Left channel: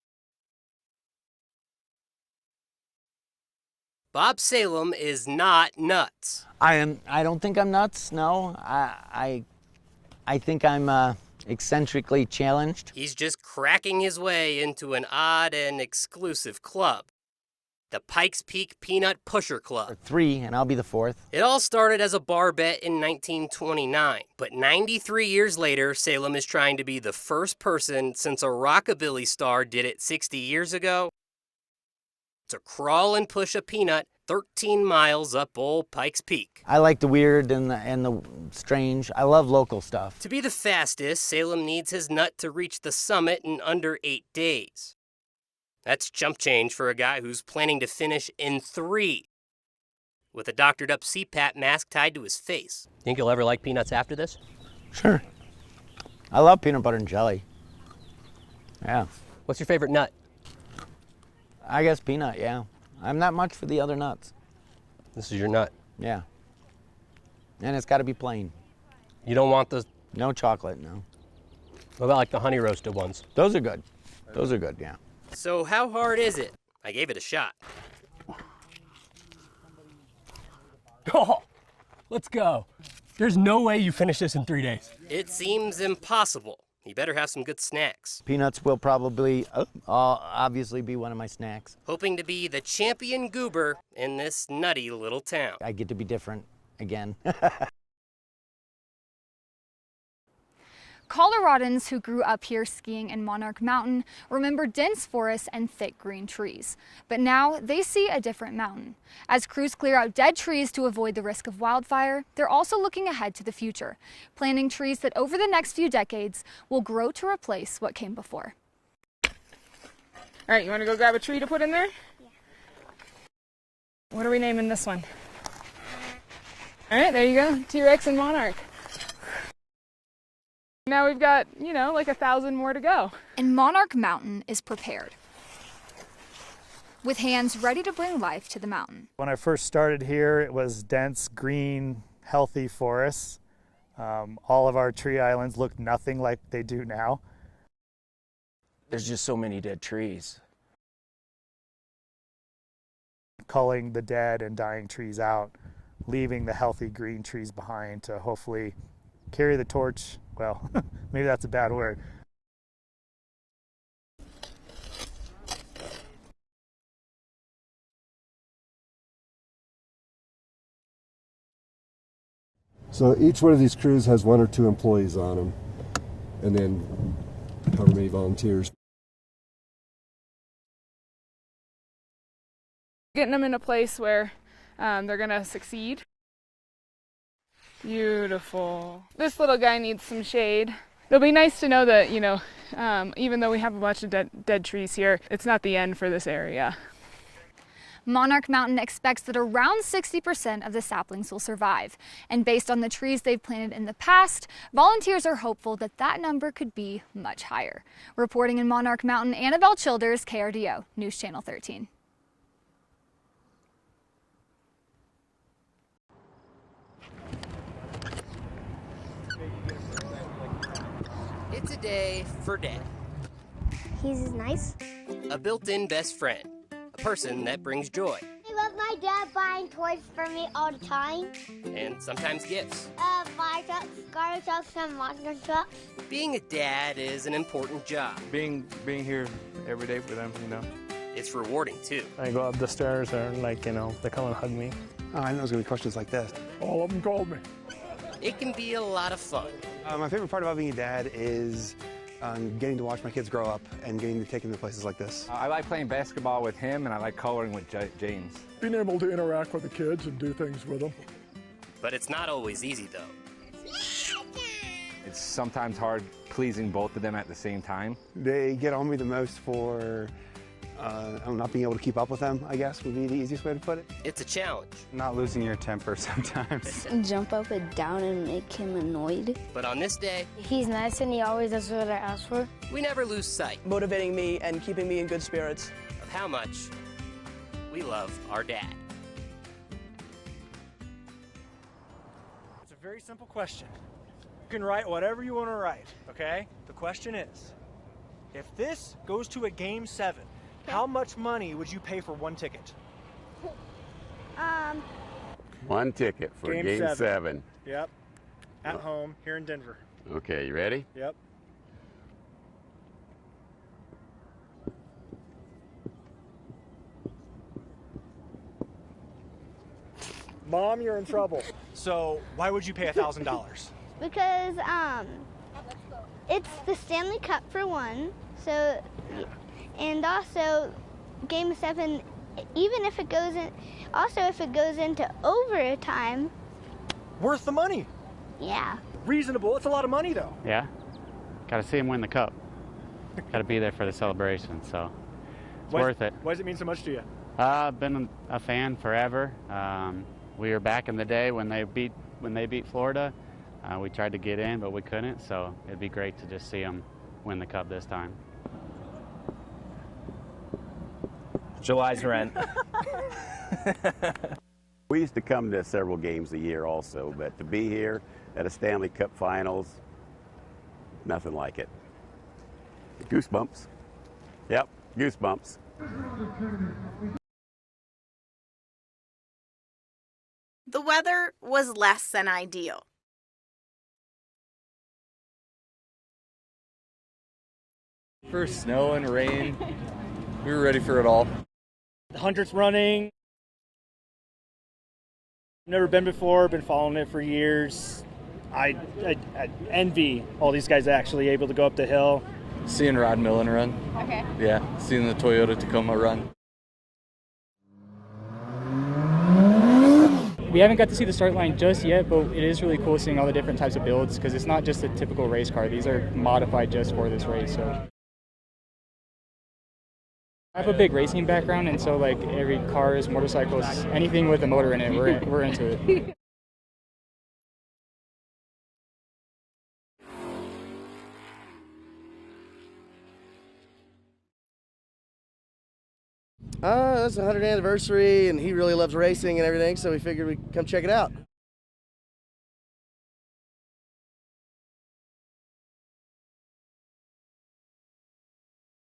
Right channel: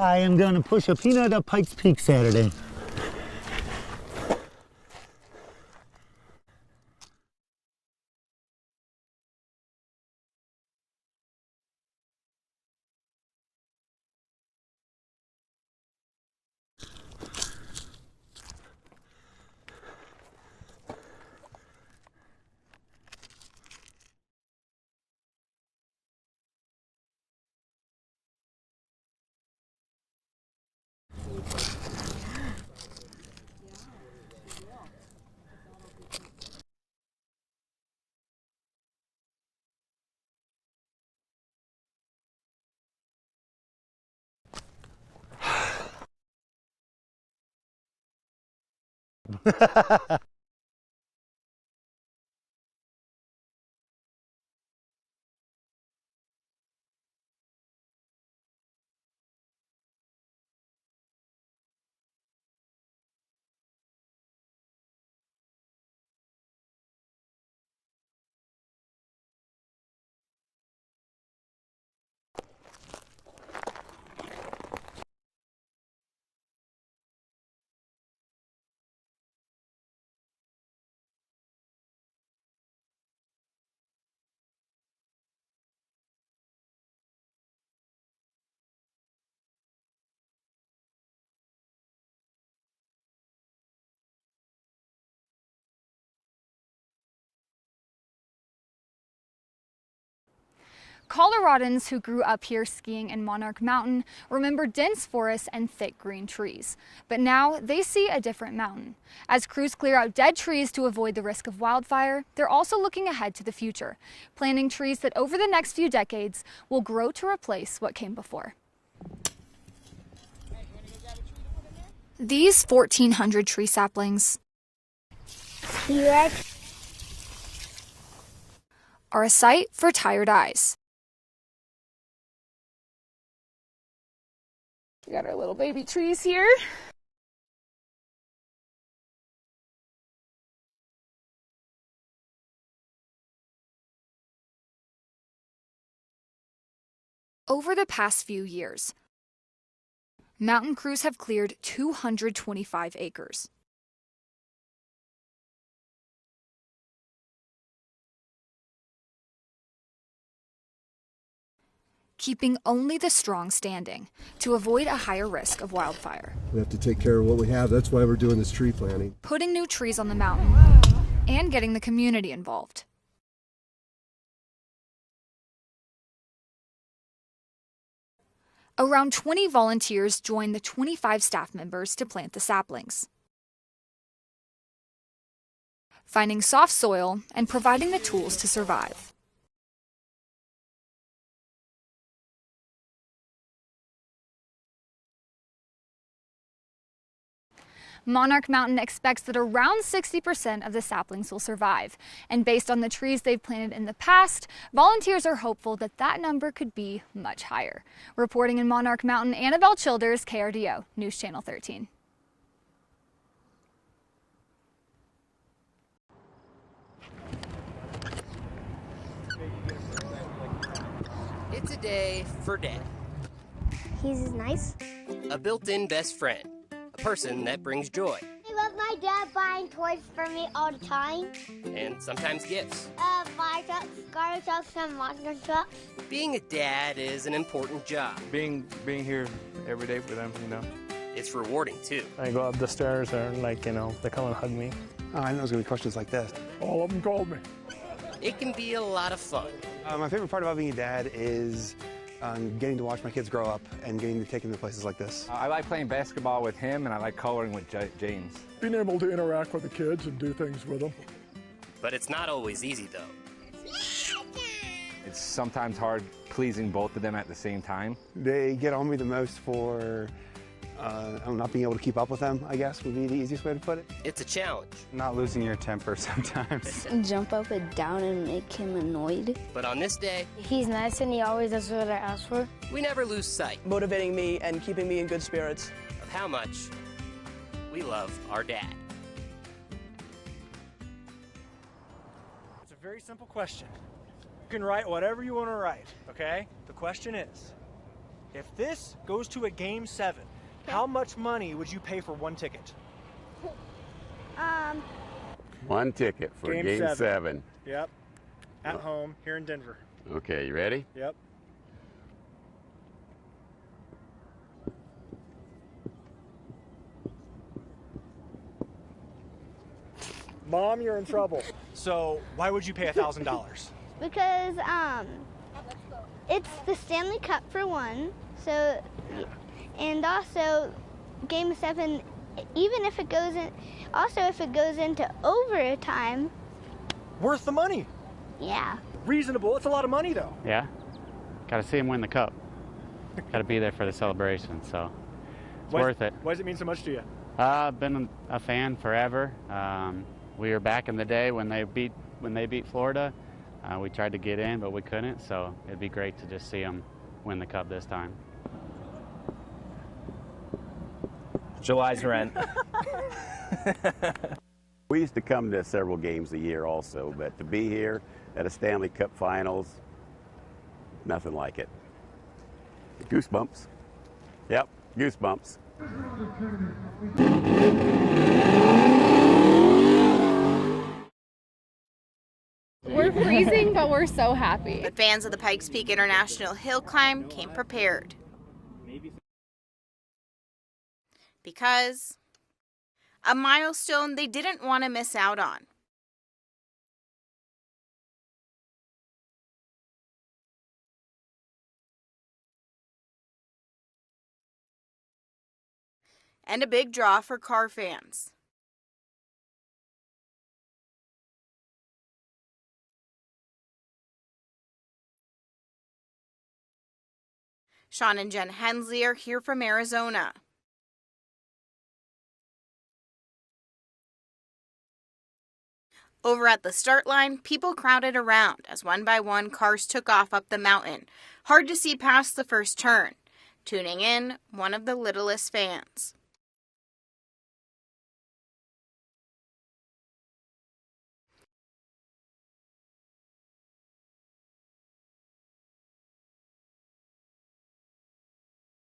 I am going to push a peanut up Pikes Peak Saturday. Bob Salem is not nuts. I don't think I'm nuts, no. I think I'm eccentrically challenged. He's just cracking his way into an odd and exclusive club. The Pikes Peak Peanut Pusher Club. 3, and I'll be the 4th. It all started as a bar bet in 1929, but 93 years later, Salem is trying to be the first person since a rockabilly star did it 60 years ago to crawl and push a peanut 13 miles up old Pikes Peak. I like the weird and the strange. I love local stuff. To be the fastest, Salem needs his nut to reach the summit in under 8 days. That's chump change for a guy who's planning to finish in 3 with a doctored up CPAP mask tied to his face. Think you'll ever like peanuts after this? Sure. I love peanut butter and jelly. Yeah. What's your favorite nut? I guess peanut, yeah. I'm not much for the other nuts. This is your nut. Yeah. And it's got to be plain. You don't want the... No chocolate, no. What about like the honey roasted ones? Those are good. Those are good, yeah. So how hard is it? I gave it a shot. Oh, let's go. There's no way you finish this in 3 days. It seems impossible. You better have some good snacks. Peanuts will probably obviously be one of my snacks. Hoping to be the champion goober in this nutty little town. I get to be different again. Coloradans who grew up here skiing in Monarch Mountain remember dense forests and thick green trees. But now they see a different mountain. As crews clear out dead trees to avoid the risk of wildfire, they're also looking ahead to the future, planting trees that over the next few decades will grow to replace what came before. All right, you want to go grab a tree to put in there? These 1,400 tree saplings. What are we naming this one? T-Rex. All right, there you go. T-Rex and Monarch. Are a sight for tired eyes. Now we've got, like 1,000 more to go. And Monarch Mountain is prepared. We got our little baby trees here. With hands ready to bring life to the mountain. When I first started here, it was dense, green, healthy forests. All of our tree islands look nothing like they do now. Over the past few years, There's just so many dead trees. mountain crews have cleared 225 acres. Culling the dead and dying trees out, leaving the healthy green trees behind to hopefully carry the torch. Well, maybe that's a bad word. Keeping only the strong standing to avoid a higher risk of wildfire. We have to take care of what we have. That's why we're doing this tree planting. Putting new trees on the mountain and getting the community involved. So each one of these crews has 1 or 2 employees on them, and then however many volunteers. Around 20 volunteers join the 25 staff members to plant the saplings. Getting them in a place where they're gonna succeed. Finding soft soil and providing the tools to survive. This little guy needs some shade. It'll be nice to know that, even though we have a bunch of dead trees here, it's not the end for this area. Monarch Mountain expects that around 60% of the saplings will survive. And based on the trees they've planted in the past, volunteers are hopeful that that number could be much higher. Reporting in Monarch Mountain, Annabelle Childers, KRDO, News Channel 13. It's a day for Dad. He's nice. A built-in best friend. A person that brings joy. I love my dad buying toys for me all the time. And sometimes gifts. Fire trucks, garbage trucks, and monster trucks. Being a dad is an important job. Being here every day for them, It's rewarding too. I go up the stairs and they come and hug me. Oh, I know there's gonna be questions like this. All of them called me. It can be a lot of fun. My favorite part about being a dad is getting to watch my kids grow up and getting to take them to places like this. I like playing basketball with him, and I like coloring with James. Being able to interact with the kids and do things with them. But it's not always easy though. It's sometimes hard pleasing both of them at the same time. They get on me the most for not being able to keep up with them, I guess, would be the easiest way to put it. It's a challenge. Not losing your temper sometimes. Jump up and down and make him annoyed. But on this day, He's nice and he always does what I ask for. we never lose sight Motivating me and keeping me in good spirits. of how much we love our dad. It's a very simple question. You can write whatever you want to write, okay? The question is, If this goes to a Game 7, how much money would you pay for one ticket? One ticket for Game 7. Yep. At home here in Denver. Okay, you ready? Yep. Mom, you're in trouble. So why would you pay $1,000? Because it's the Stanley Cup for one. So, and also Game 7. Even if it goes in, also if it goes into overtime. Worth the money. Yeah. Reasonable. It's a lot of money though. Yeah. Got to see him win the cup. Got to be there for the celebration, so it's worth it. Why does it mean so much to you? I've been a fan forever. We were back in the day when they beat Florida. We tried to get in, but we couldn't. So it'd be great to just see them win the cup this time. July's rent. We used to come to several games a year also, but to be here at a Stanley Cup Finals, nothing like it. Goosebumps. Yep, goosebumps. The weather was less than ideal. We're freezing, but we're so happy. But fans of the Pikes Peak International Hill Climb came prepared. For snow and rain, we were ready for it all. Because 100th running. A milestone they didn't want to miss out on. Never been before, been following it for years. I envy all these guys actually able to go up the hill. Seeing Rod Millen run. Okay. Yeah, seeing the Toyota Tacoma run. And a big draw for car fans. We haven't got to see the start line just yet, but it is really cool seeing all the different types of builds because it's not just a typical race car. These are modified just for this race. So Sean and Jen Hensley are here from Arizona. I have a big racing background, and so like every cars, motorcycles, anything with a motor in it, we're into it. Over at the start line, people crowded around as one by one cars took off up the mountain. Hard to see past the first turn. Tuning in, one of the littlest fans. It's the 100th anniversary, and he really loves racing and everything, so we figured we'd come check it out.